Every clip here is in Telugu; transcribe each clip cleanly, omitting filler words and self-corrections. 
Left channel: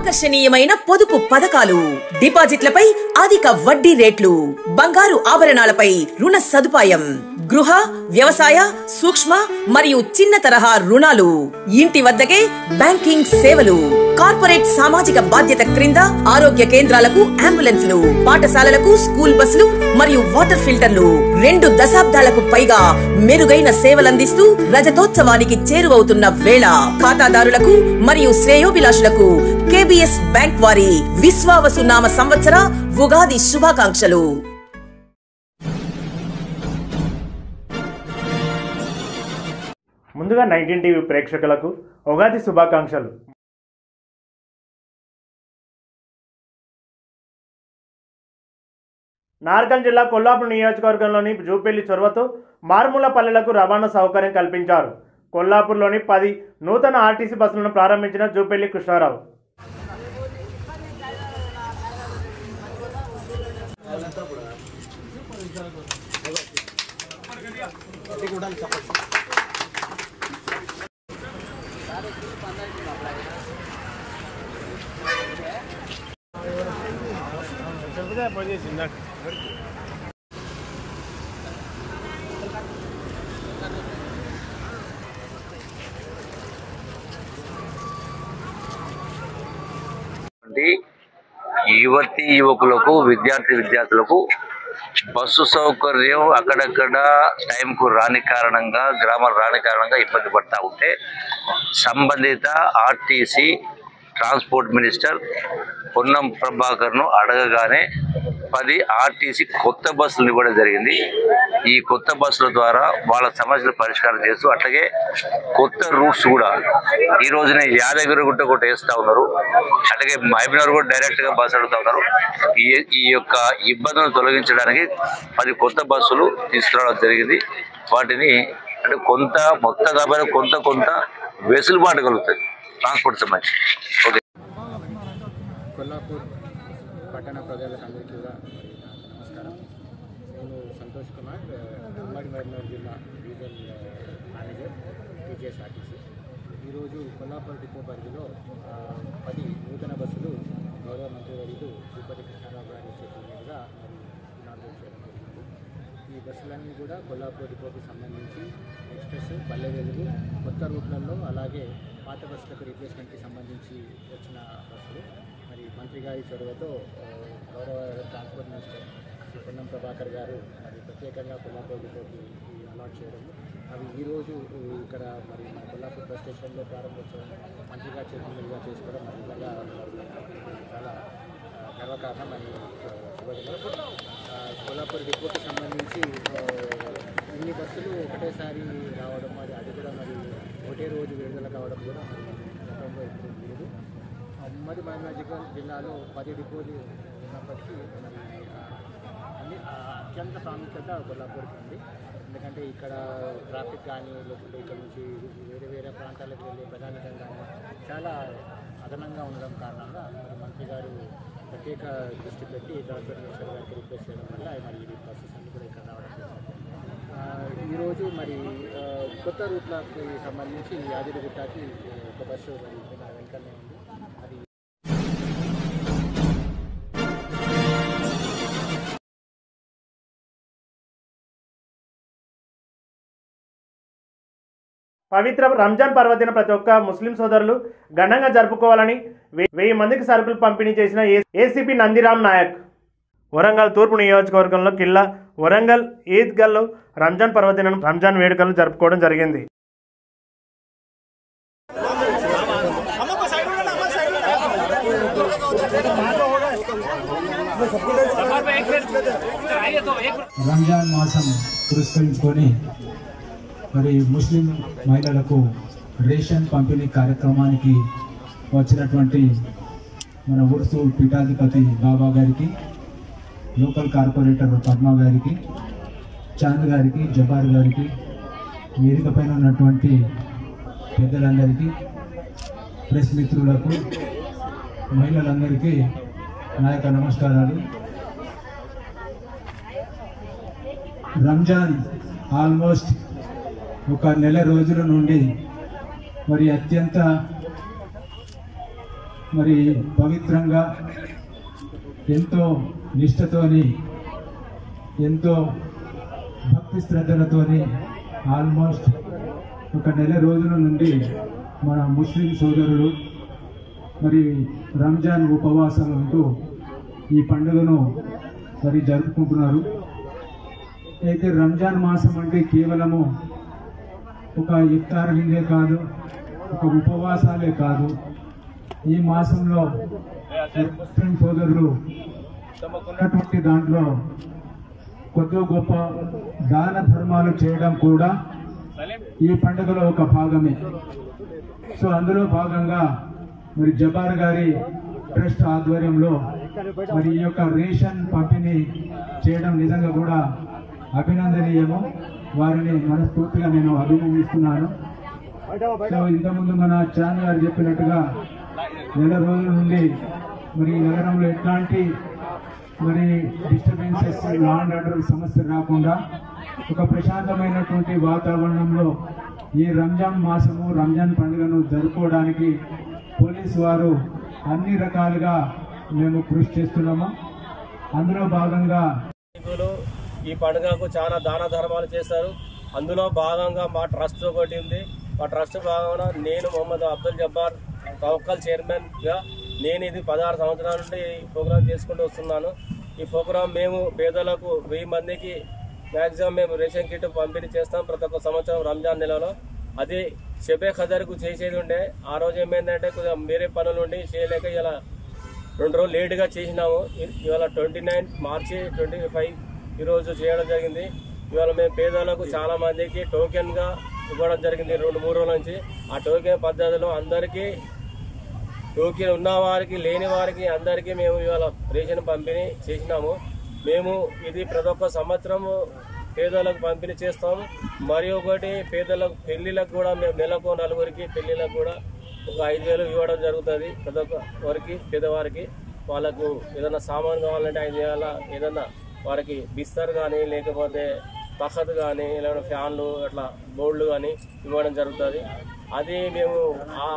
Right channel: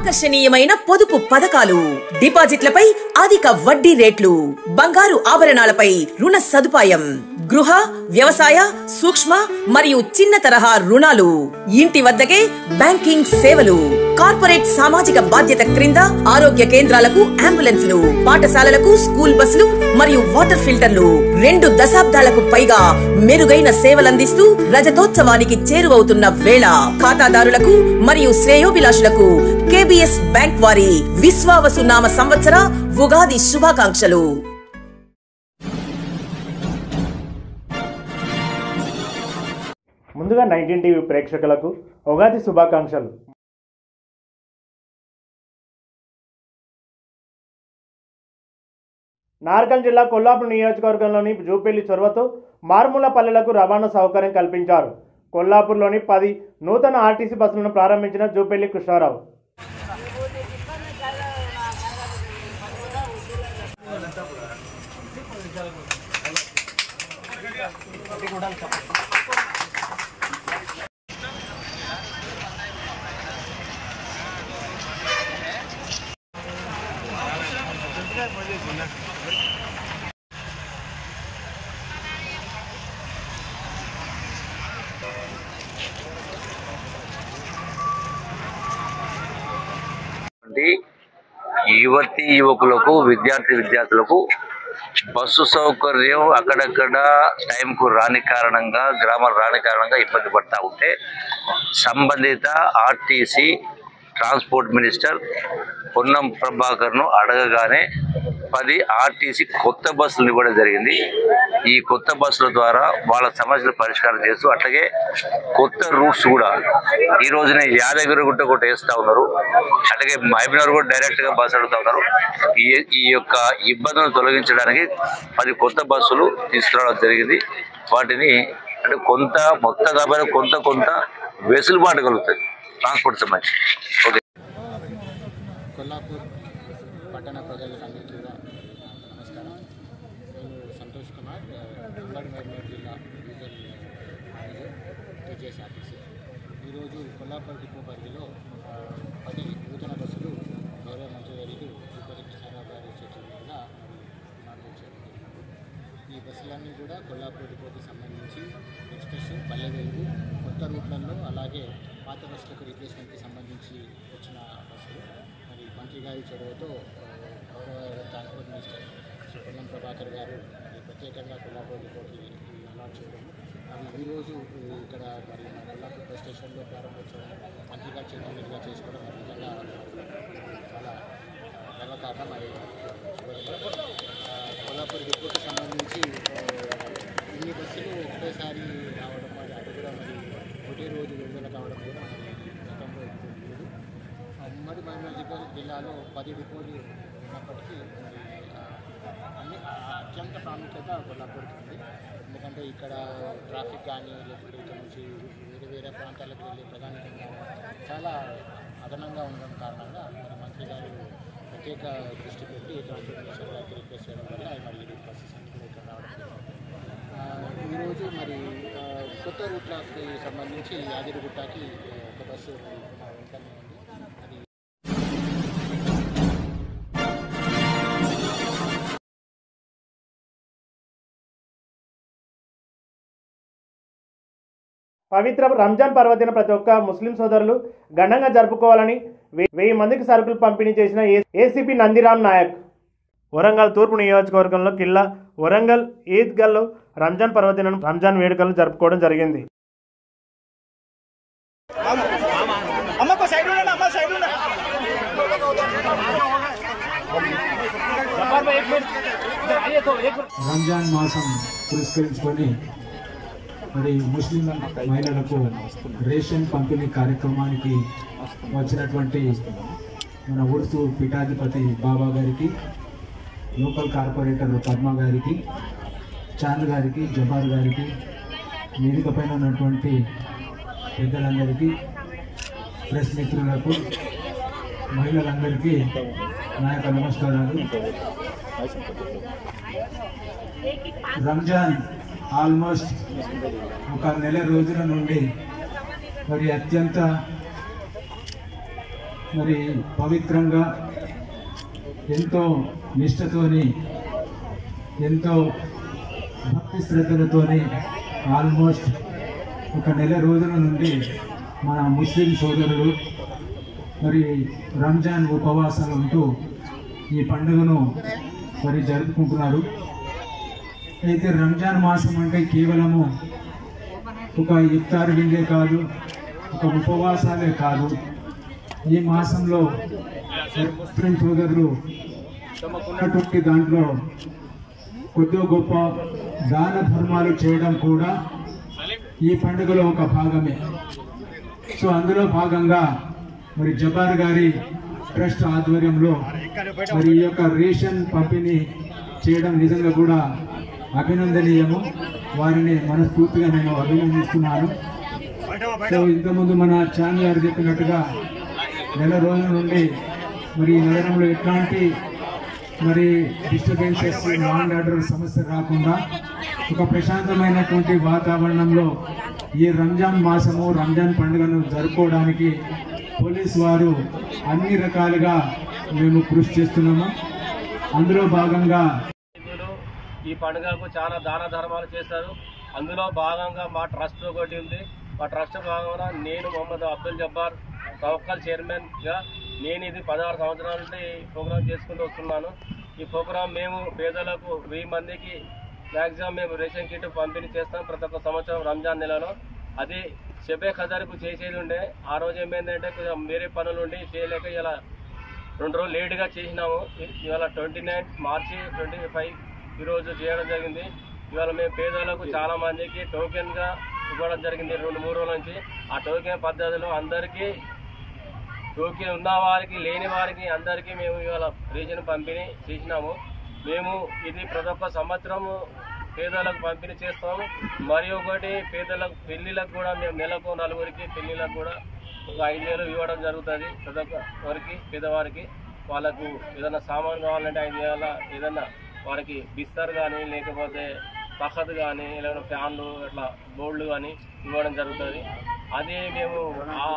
ఆకర్షణీయమైన పొదుపు పథకాలు, డిపాజిట్లపై అధిక వడ్డీ రేట్లు, బంగారు ఆభరణాలపై రుణ సదుపాయం, గృహ, వ్యవసాయ, సూక్ష్మ మరియు చిన్న తరహా రుణాలు, ఇంటి వద్దకే బ్యాంకింగ్ సేవలు, కార్పొరేట్ సామాజిక బాధ్యత క్రింద ఆరోగ్య కేంద్రాలకు అంబులెన్స్లు, పాఠశాలలకు స్కూల్ బస్సులు మరియు వాటర్ ఫిల్టర్లు 2 దశాబ్దాలకు పైగా మెరుగైన సేవలందిస్తూ రజతోత్సవానికి చేరువవుతున్న వేళ ఖాతాదారులకు మరియు శ్రేయోభిలాషులకు కేబిఎస్ బ్యాంక్ వారి విశ్వావసు నామ సంవత్సర ఉగాది శుభాకాంక్షలు. ముందుగా 19 టీవీ ప్రేక్షకులకు ఉగాది శుభాకాంక్షలు. నార్కన్ జిల్లా కొల్లాపూర్ నియోజకవర్గంలోని జూపల్లి చొరవతో మారుమూల పల్లెలకు రవాణా సౌకర్యం కల్పించారు. కొల్లాపూర్లోని 10 నూతన ఆర్టీసీ బస్సులను ప్రారంభించిన జూపల్లి కృష్ణారావు. యువతి యువకులకు విద్యార్థులకు బస్సు సౌకర్యం అక్కడక్కడ టైంకు రాని కారణంగా గ్రామాలు రాని కారణంగా ఇబ్బంది పడతా ఉంటే సంబంధిత ఆర్టీసీ ట్రాన్స్పోర్ట్ మినిస్టర్ పొన్నం ప్రభాకర్ను అడగగానే 10 ఆర్టీసీ కొత్త బస్సులు ఇవ్వడం జరిగింది. ఈ కొత్త బస్సుల ద్వారా వాళ్ళ సమస్యలు పరిష్కారం చేస్తూ అట్లాగే కొత్త రూట్స్ కూడా ఈ రోజున యాదగిరిగుట్ట కూడా వేస్తూ ఉన్నారు. అట్లాగే మహబూబ్నగర్ కూడా డైరెక్ట్గా బస్సు అడుగుతూ ఉన్నారు. ఈ యొక్క ఇబ్బందులను తొలగించడానికి 10 కొత్త బస్సులు తీసుకురావడం జరిగింది. వాటిని అంటే మొత్తం కాబట్టి కొంత వెసులుబాటు కలుగుతుంది ట్రాన్స్పోర్ట్ సంబంధించి. ఓకే. కొల్లాపూర్ పట్టణ ప్రజలకు అందరికీ కూడా నమస్కారం. నేను సంతోష్ కుమార్, ఉమ్మడి మహబూబ్నగర్ జిల్లా డీజిల్ మేనేజర్, టీజీఎస్ఆర్టీసీ. ఈరోజు కొల్లాపూర్ డిపో పరిధిలో 10 నూతన బస్సులు గౌరవ మంత్రివర్యులు జూపల్లి కృష్ణారావు గారి చేతుల మీదుగా మరి ఇనాగ్రేట్ చేయడం జరిగింది. ఈ బస్సులన్నీ కూడా కొల్లాపూర్ డిపోకి సంబంధించి ఎక్స్ప్రెస్, పల్లె వెలుగు, కొత్త రూట్లలో అలాగే పాత బస్సులకు రీప్లేస్మెంట్కి సంబంధించి వచ్చిన బస్సులు. మరి మంత్రి గారి చొరవతో గౌరవ ట్రాన్స్పోర్ట్ మినిస్టర్ శ్రీ పొన్నం ప్రభాకర్ గారు మరి ప్రత్యేకంగా కొల్లాపూర్ డిపోకి అలాట్ చేయడము, అవి ఈరోజు ఇక్కడ మరి మన కొల్లాపూర్ బస్ స్టేషన్లో ప్రారంభోత్సవం మంత్రి గారి చేతుల మీదుగా చేసుకోవడం మరి నిజంగా చాలా గర్వకారణం. మరి శుభదినం. కొల్లాపూర్ డిపోకి సంబంధించి ఇన్ని బస్సులు ఒకటేసారి రావడం అది కూడా మరి ఒకటే రోజు విడుదల కావడం కూడా మరి గతంలో ఎప్పుడు లేదు. ఉమ్మడి మహబూబ్నగర్ జిల్లాలో 10 డిపోలు ఉన్నప్పటికీ మరి అత్యంత ప్రాముఖ్యత కొల్లాపూర్కి ఉంది. ఎందుకంటే ఇక్కడ ట్రాఫిక్ కానీ లేకపోతే ఇక్కడ నుంచి వేరే ప్రాంతాలకు వెళ్ళే ప్రయాణికం కానీ చాలా అదనంగా ఉండడం కారణంగా మరి మంత్రి గారు ప్రత్యేక దృష్టి పెట్టి ట్రాన్స్పోర్ట్ మినిస్టర్ గారికి రిక్వెస్ట్ చేయడం వల్ల మరి ఈ బస్సెస్ అన్ని కూడా ఇక్కడ రావడం జరిగింది. ఈరోజు మరి కొత్త రూట్లకి సంబంధించి యాదగిరిగుట్టకి ఒక బస్సు వెంటనే ఉంది. అది పవిత్ర రంజాన్ పర్వదిన ప్రతి ఒక్క ముస్లిం సోదరులు ఘనంగా జరుపుకోవాలని 1000 మందికి సరుకులు పంపిణీ చేసిన ఏసీపీ నందిరామ్ నాయక్. వరంగల్ తూర్పు నియోజకవర్గంలో కిల్లా వరంగల్ ఈద్గాల్లో రంజాన్ వేడుకలు జరుపుకోవడం జరిగింది. రంజాన్ మాసం పురస్కరించుకొని మరి ముస్లిం మహిళలకు రేషన్ పంపిణీ కార్యక్రమానికి వచ్చినటువంటి మన ఉర్సు పీఠాధిపతి బాబా గారికి, లోకల్ కార్పొరేటర్ పద్మ గారికి, చాంద్ గారికి, జబార్ గారికి, వేదిక పైన ఉన్నటువంటి పెద్దలందరికీ, ప్రెస్ మిత్రులకు, మహిళలందరికీ నా యొక్క నమస్కారాలు. రంజాన్ ఆల్మోస్ట్ ఒక 1 నెల రోజుల నుండి మరి అత్యంత మరి పవిత్రంగా ఎంతో నిష్ఠతోని ఎంతో భక్తి శ్రద్ధలతోని ఆల్మోస్ట్ ఒక నెల రోజుల నుండి మన ముస్లిం సోదరులు మరి రంజాన్ ఉపవాసాలు ఉంటూ ఈ పండుగను మరి జరుపుకుంటున్నారు. అయితే రంజాన్ మాసం అంటే కేవలము ఒక ఇఫ్తార్ విందే కాదు, ఒక ఉపవాసాలే కాదు. ఈ మాసంలో ముస్లిం సోదరులు తమకున్నటువంటి దాంట్లో కొద్ది గొప్ప దాన ధర్మాలు చేయడం కూడా ఈ పండుగలో ఒక భాగమే. సో అందులో భాగంగా మరి జబ్బార్ గారి ట్రస్ట్ ఆధ్వర్యంలో మరి ఈ యొక్క రేషన్ పంపిణీ చేయడం నిజంగా కూడా అభినందనీయము. వారిని మనస్ఫూర్తిగా నేను అభినందిస్తున్నాను. సో ఇంతకుముందు మన చాన్ గారు చెప్పినట్టుగా నెల రోజుల నుండి మరి నగరంలో ఎట్లాంటి మరి డిస్టర్బెన్సెస్, లా అండ్ ఆర్డర్ సమస్య రాకుండా ఒక ప్రశాంతమైనటువంటి వాతావరణంలో ఈ రంజాన్ మాసము, రంజాన్ పండుగను జరుపుకోవడానికి పోలీసు వారు అన్ని రకాలుగా మేము కృషి చేస్తున్నాము. అందులో భాగంగా ఈ పండుగకు చాలా దాన ధర్మాలు చేశారు. అందులో భాగంగా మా ట్రస్ట్ ఒకటి ఉంది. మా ట్రస్ట్ భాగంగా నేను మొహమ్మద్ అబ్దుల్ జబ్బార్ తవక్కల్ చైర్మన్గా నేను ఇది 16 సంవత్సరాల నుండి ఈ ప్రోగ్రాం చేసుకుంటూ వస్తున్నాను. ఈ ప్రోగ్రాం మేము పేదలకు 1000 మందికి మ్యాక్సిమం మేము రేషన్ కిట్ పంపిణీ చేస్తాం ప్రతి ఒక్క సంవత్సరం రంజాన్ నెలలో. అది షబే ఖదర్కు చేసేది ఉండే. ఆ రోజు ఏమైందంటే కొంచెం వేరే పనులు ఉండి చేయలేక ఇలా 2 రోజులు లేటుగా చేసినాము. ఇవాళ 29 మార్చి 25 ఈరోజు చేయడం జరిగింది. ఇవాళ మేము పేదలకు చాలా మందికి టోకెన్గా ఇవ్వడం జరిగింది 2-3 రోజుల నుంచి. ఆ టోకెన్ పద్ధతిలో అందరికీ టోకెన్ ఉన్న వారికి లేని వారికి అందరికీ మేము ఇవాళ రేషన్ పంపిణీ చేసినాము. మేము ఇది ప్రతి ఒక్క సంవత్సరము పేదలకు పంపిణీ చేస్తాము. మరియు ఒకటి పేదలకు పెళ్లిలకు కూడా మేము నెలకు 4 పెళ్లిలకు కూడా ఒక 5,000 ఇవ్వడం జరుగుతుంది. ప్రతి ఒక్కరికి పేదవారికి వాళ్ళకు ఏదైనా సామాన్ కావాలంటే 5,000, ఏదన్నా వారికి బిస్తర్ కానీ లేకపోతే తఖత్ కానీ లేకపోతే ఫ్యాన్లు అట్లా బోర్డులు కానీ ఇవ్వడం జరుగుతుంది. అది మేము ఆ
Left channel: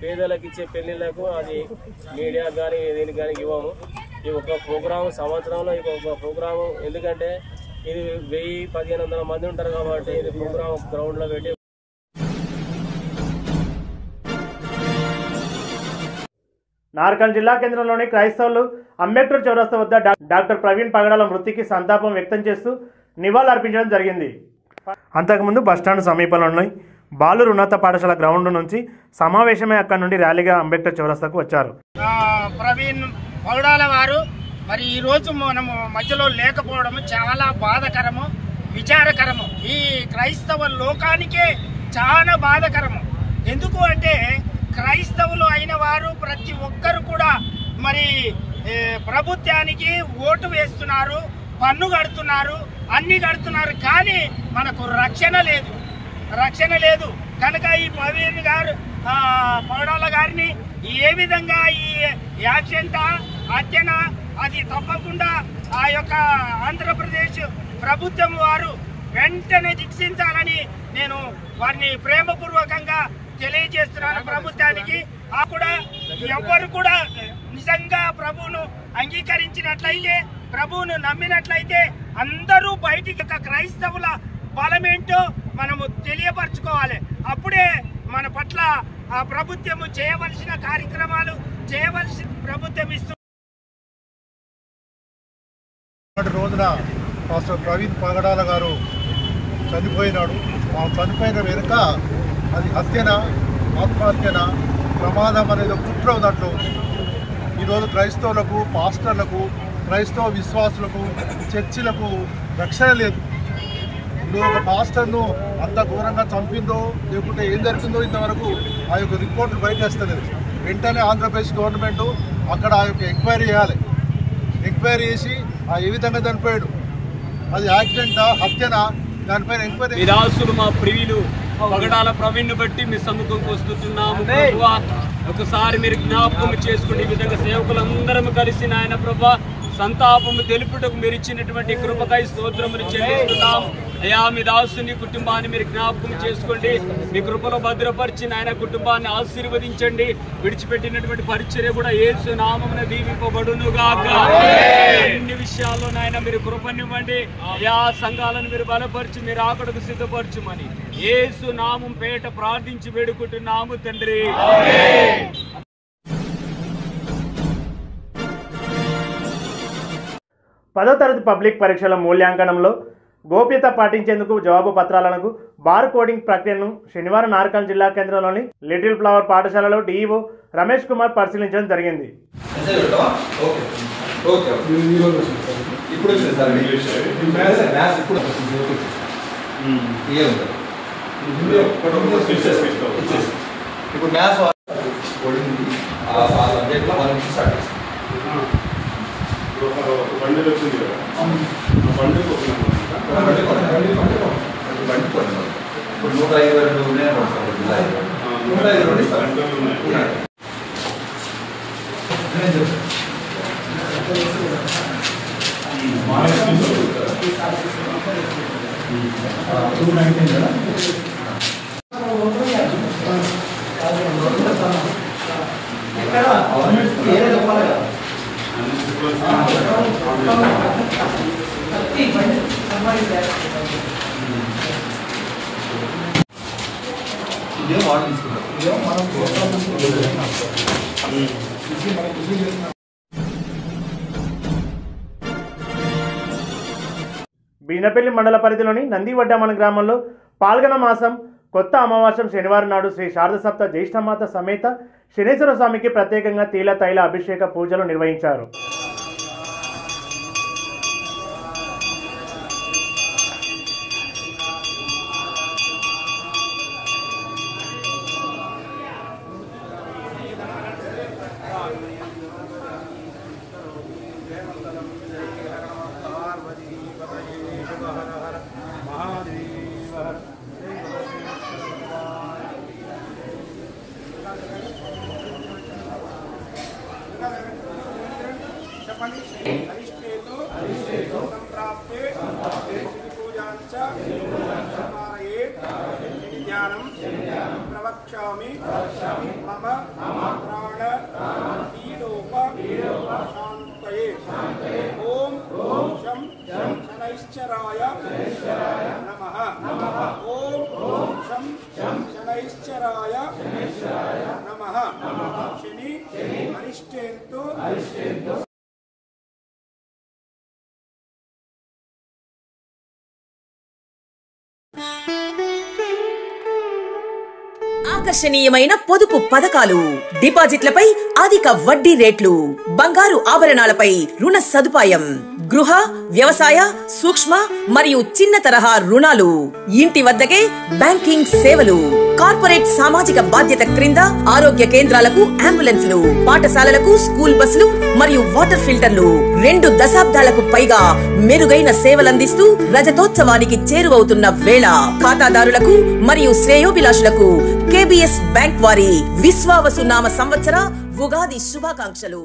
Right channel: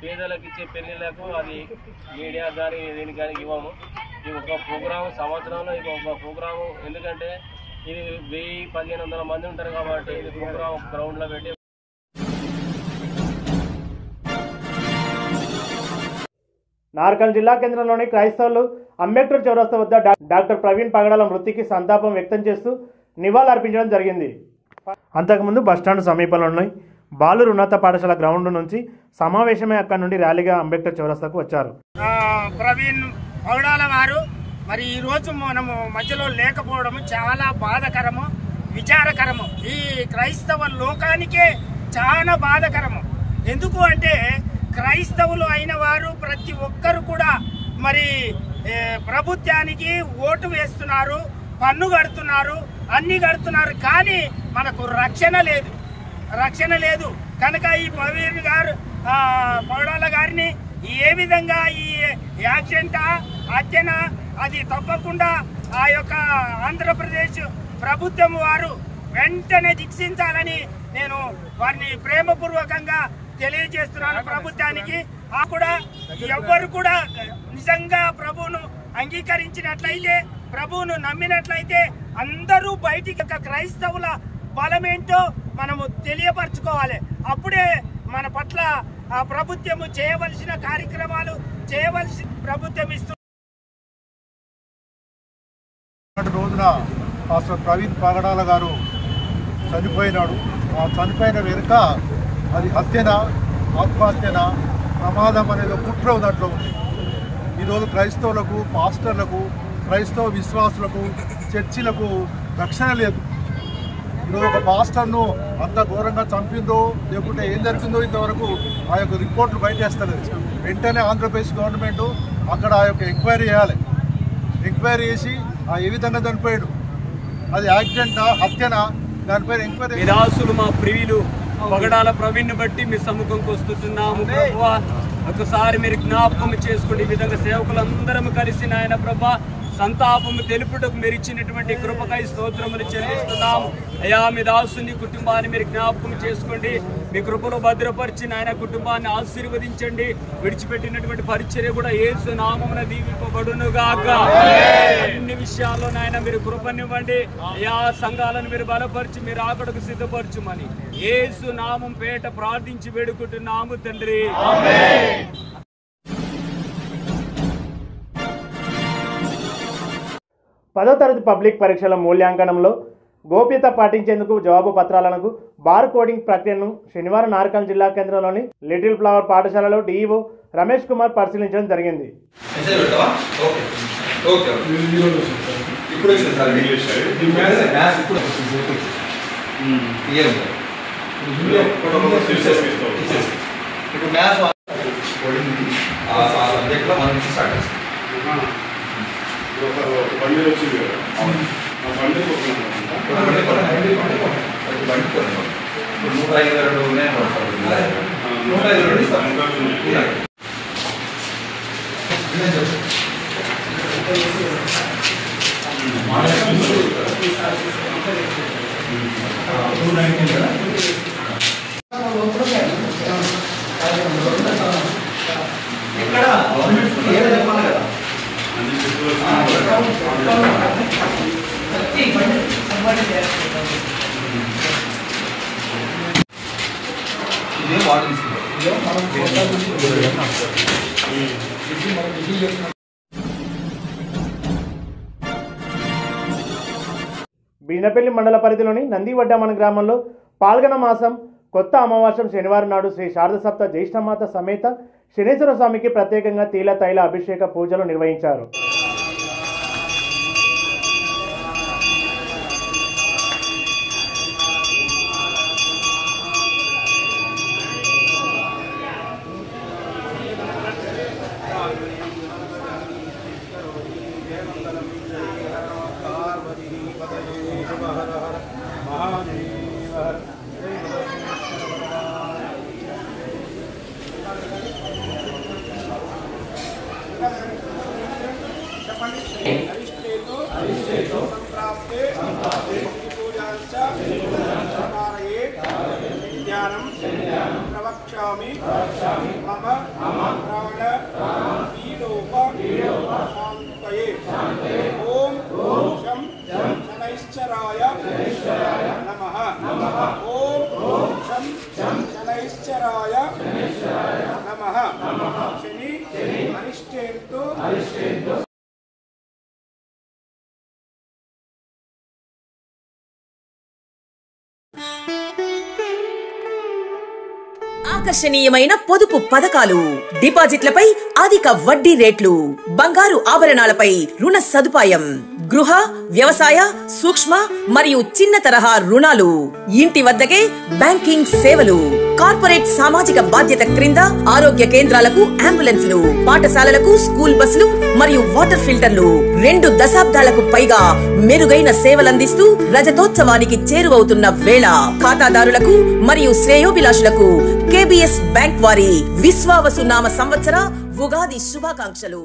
పేదలకు ఇచ్చే పెళ్లిళ్లకు అది మీడియా కానీ దీనికి కానీ ఇవ్వము. ఈ ఒక ప్రోగ్రాము సంవత్సరంలో ఇది ఒక ప్రోగ్రాము. ఎందుకంటే ఇది 1000-1500 మంది ఉంటారు కాబట్టి ఇది ప్రోగ్రామ్ గ్రౌండ్లో పెట్టి. నార్కల్ జిల్లా కేంద్రంలోని క్రైస్తవులు అంబేద్కర్ చౌరస్తా వద్ద డాక్టర్ ప్రవీణ్ పగడాల మృతికి సంతాపం వ్యక్తం చేస్తూ నివాళులర్పించడం జరిగింది. అంతకుముందు బస్టాండ్ సమీపంలో ఉన్న బాలూరు ఉన్నత పాఠశాల గ్రౌండ్ నుంచి సమావేశమై అక్కడి నుండి ర్యాలీగా అంబేద్కర్ చౌరస్తాకు వచ్చారు. ప్రవీణ్ పగడాల వారు మరి ఈరోజు మనము మధ్యలో లేకపోవడం చాలా బాధాకరము, విచారకరము. ఈ క్రైస్తవ లోకానికే చాలా బాధాకరము. ఎందుకు అంటే క్రైస్తవులు అయిన వారు ప్రతి ఒక్కరు కూడా మరి ప్రభుత్వానికి ఓటు వేస్తున్నారు, పన్ను కడుతున్నారు, అన్ని కడుతున్నారు. కానీ మనకు రక్షణ లేదు. కనుక ఈ ప్రవీణ్ గారు పగడాల గారిని ఏ విధంగా ఈ యాక్సిడెంట్ హత్యన అది తప్పకుండా ఆ యొక్క ఆంధ్రప్రదేశ్ ప్రభుత్వం వారు వెంటనే శిక్షించాలని నేను వారిని ప్రేమపూర్వకంగా తెలియజేస్తున్నాను ప్రభుత్వానికి. ఆ కూడా ఎవరు కూడా నిజంగా ప్రభువును అంగీకరించినట్లయితే, ప్రభువును నమ్మినట్లయితే అందరూ బయటికి క్రైస్తవుల బలమేంటో మనము తెలియపరచుకోవాలి. అప్పుడే మన పట్ల ఆ ప్రభుత్వము చేయవలసిన కార్యక్రమాలు చేయవలసిన ప్రభుత్వం ఇస్తుంది. రోజున పాస్టర్ ప్రవీణ్ పగడాల గారు చనిపోయినాడు. ఆ చనిపోయిన వెనుక అది హత్యన, ఆత్మహత్యన, ప్రమాదం అనేది కుట్ర దాంట్లో ఉంది. ఈరోజు క్రైస్తవులకు, పాస్టర్లకు, క్రైస్తవ విశ్వాసులకు, చర్చిలకు రక్షణ లేదు. ఈరోజు ఒక పాస్టర్ను అంత ఘోరంగా చంపిందో లేకుంటే ఏం జరిగిందో ఇంతవరకు ఆ యొక్క రిపోర్ట్లు బయటేస్తలేదు. వెంటనే ఆంధ్రప్రదేశ్ గవర్నమెంట్ అక్కడ ఆ యొక్క ఎంక్వైరీ చేయాలి. ఎంక్వైరీ చేసి ఏ విధంగా చనిపోయాడు, అది యాక్సిడెంటా, హత్యనా, దానిపైన ఎంక్వైరీ. నిరాశులు మా ప్రియులు పగడాల ప్రవీణ్ బట్టి మీ సముఖంకి వస్తున్నాము ప్రభువా. ఒకసారి మీరు జ్ఞాపకం చేసుకోండి. ఈ విధంగా సేవకులందరం కలిసి నాయన ప్రభా సంతాపము తెలుపుటకు మీరు ఇచ్చినటువంటి కృపకై స్తోత్రములు చెల్లిస్తున్నాం. అయ్యా మీ దాసుని కుటుంబాన్ని మీరు జ్ఞాపకం చేసుకోండి, మీ కృపలో భద్రపరిచి ఆయన కుటుంబాన్ని ఆశీర్వదించండి. విడిచిపెట్టినటువంటి పరిచర్య కూడా యేసు నామమున దీవింపబడును గాక. అన్ని విషయాల్లో నాయన మీరు కృపనివ్వండి. అయ్యా సంఘాలను మీరు బలపరిచి మీరు ఆకడకు సిద్ధపరచుమని యేసు నామం పేట ప్రార్థించి వేడుకుంటున్నాము తండ్రి. 10వ తరగతి పబ్లిక్ పరీక్షల మూల్యాంకనంలో గోప్యత పాటించేందుకు జవాబు పత్రాలను బార్ కోడింగ్ ప్రక్రియను శనివారం నార్కల్ జిల్లా కేంద్రంలోని లిటిల్ ఫ్లవర్ పాఠశాలలో డిఈఓ రమేష్ కుమార్ పరిశీలించడం జరిగింది. బండిలు వచ్చింది కదా, ఆ బండి 152 ఉన్నాయి. 152 బీనపల్లి మండల పరిధిలోని నందివడ్డమన గ్రామంలో పాల్గొన మాసం కొత్త అమావాస్యం శనివారం నాడు శ్రీ శారద సప్త జ్యేష్ఠమాత సమేత శనేశ్వర స్వామికి ప్రత్యేకంగా తీల తైల అభిషేక పూజలు నిర్వహించారు. ప్రవక్ష్యామి మమ ప్రాణ పీడోప శాంతయే. ఓం శం శనైశ్చరాయ నమః. ఓం శం శనైశ్చరాయ నమః. శని అరిష్టేంతు ఆకర్షణీయమైన పొదుపు పథకాలు, డిపాజిట్లపై అధిక వడ్డీ రేట్లు, బంగారు ఆభరణాలపై రుణ సదుపాయం, గృహ వ్యవసాయ సూక్ష్మ మరియు చిన్న తరహా రుణాలు, ఇంటి వద్దకే బ్యాంకింగ్ సేవలు, కార్పొరేట్ సామాజిక బాధ్యత క్రింద ఆరోగ్య కేంద్రాలకు అంబులెన్సులు, పాఠశాలలకు స్కూల్ బస్సులు మరియు వాటర్ ఫిల్టర్లు 2 దశాబ్దాలకు పైగా మెరుగైన సేవలందిస్తూ రజతోత్సవానికి చేరువవుతున్న వేళ ఖాతాదారులకు మరియు శ్రేయోభిలాషులకు కేబిఎస్ బ్యాంక్ వారి విశ్వావసు నామ సంవత్సర ఉగాది శుభాకాంక్షలు.